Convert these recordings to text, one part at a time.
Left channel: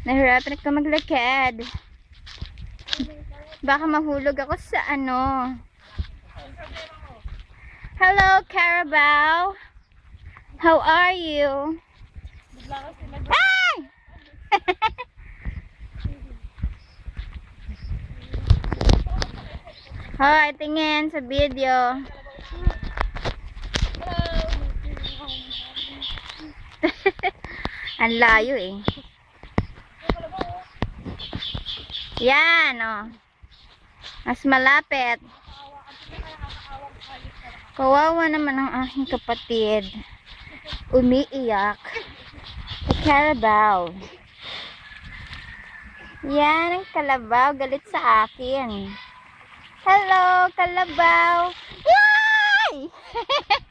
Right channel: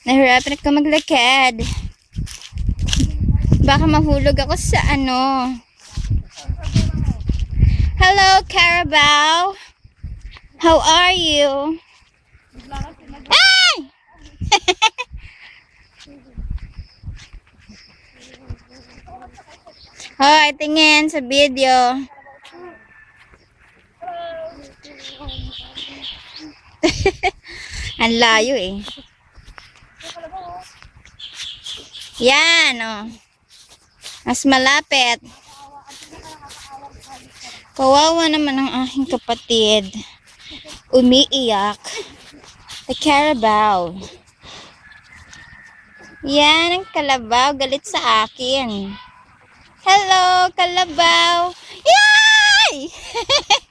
Nahirapan ako maglakad. Baka mahulog ako sa ano. Hello, Carabao. How are you? Ay! Hoy, tingin sa video. Ang layo eh. Yan, oh. Mas malapit. Kawawa naman ang aking kapatid. Umiiyak. Sa Carabao. Yan ang kalabaw. Galit sa akin. Hello, kalabaw. Yay!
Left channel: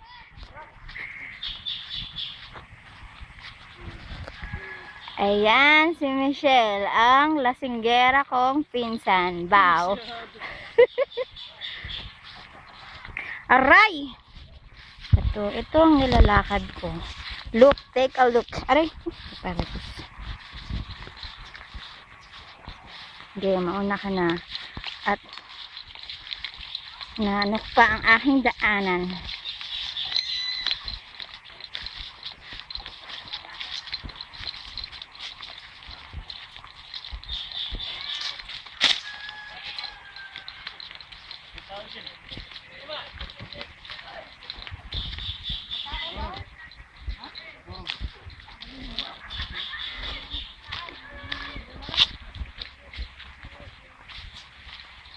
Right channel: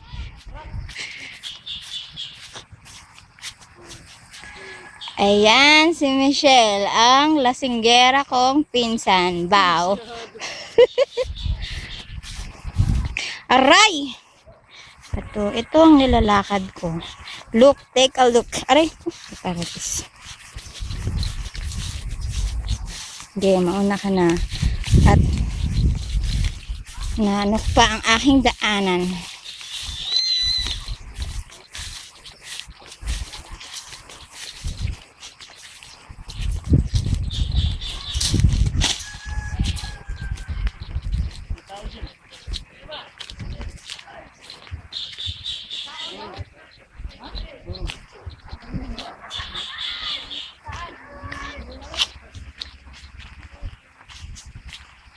Ayan, si Michelle, ang lasinggera kong pinsan. Bow. Aray! Ito, ito ang nilalakad ko. Look, take a look. Aray! Taratis. Okay, mauna ka na. At naanok pa ang aking daanan.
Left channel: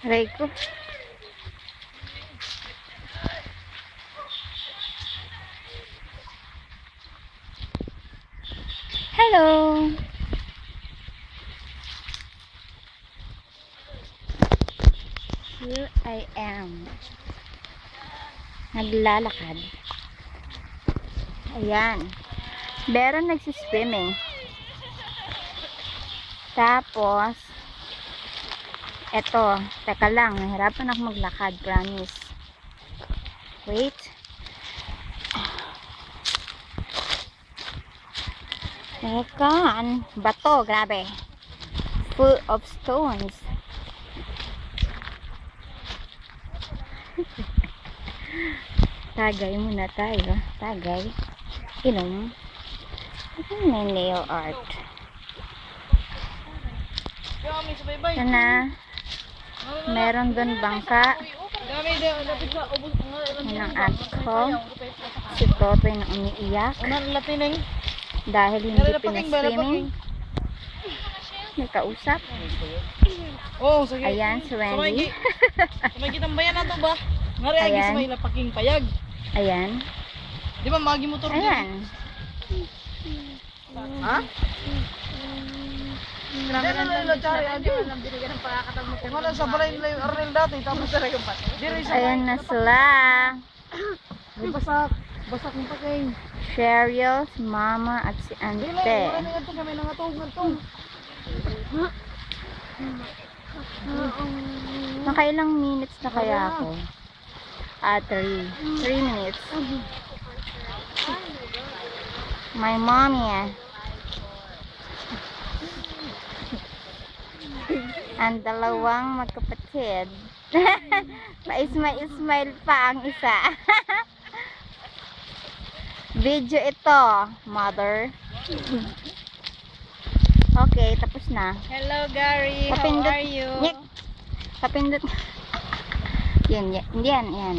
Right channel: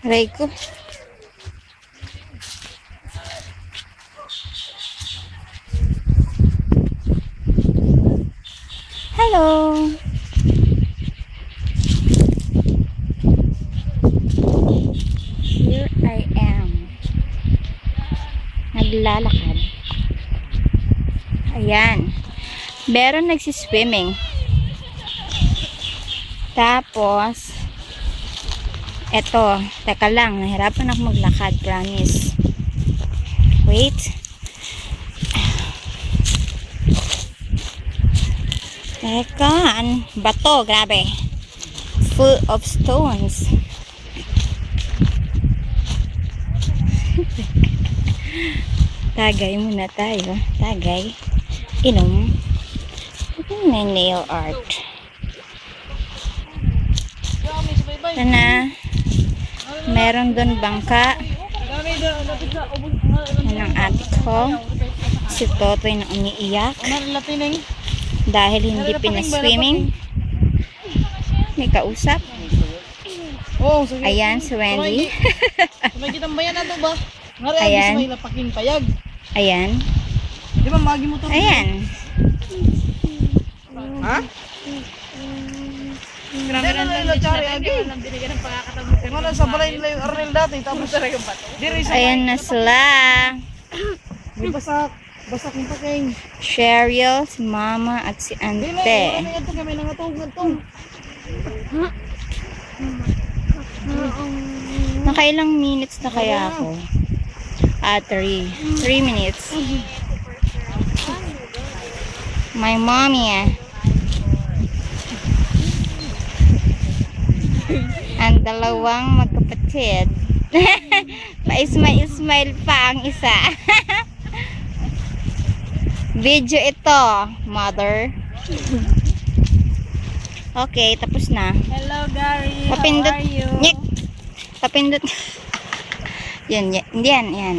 Aray ko. Hello. Here I am. Naglalakad. Ayan. Meron nagsiswimming. Tapos, eto, teka lang, nahirapan ako maglakad, promise. Wait. Teka, an bato, grabe. Full of stones. Tagay muna tayo. Tagay. Inom. May nail art. Ito na. Meron doon bangka. Yan ang ate ko. Si Totoy na umiiyak dahil hindi pinaswimming. May kausap. Oh. Ayan, si Wendy. May kitang bayan na to ba? Ngari Ayan. Ayan. Di ba magi mo to? Ayan. Ha? Grabe na lang ilo chari agi. Kung ano sa balay nila yung Arnel dati tapos diri sa Ayan na sila. may basak. Basak yung paking. Cheryl, si Mama, at si Dili na, Ante. wala na ito kami nangatog to. Nakailang minutes na kaya ako? Ah, three. Three minutes. My mommy. ang dalawang magkapatid. Pa-ismail-ismail pa ang isa. Video ito, mother. Okay, tapos na. Hello Gary, Papindot. Nyek. Papindot. yan, yan, yan, yan.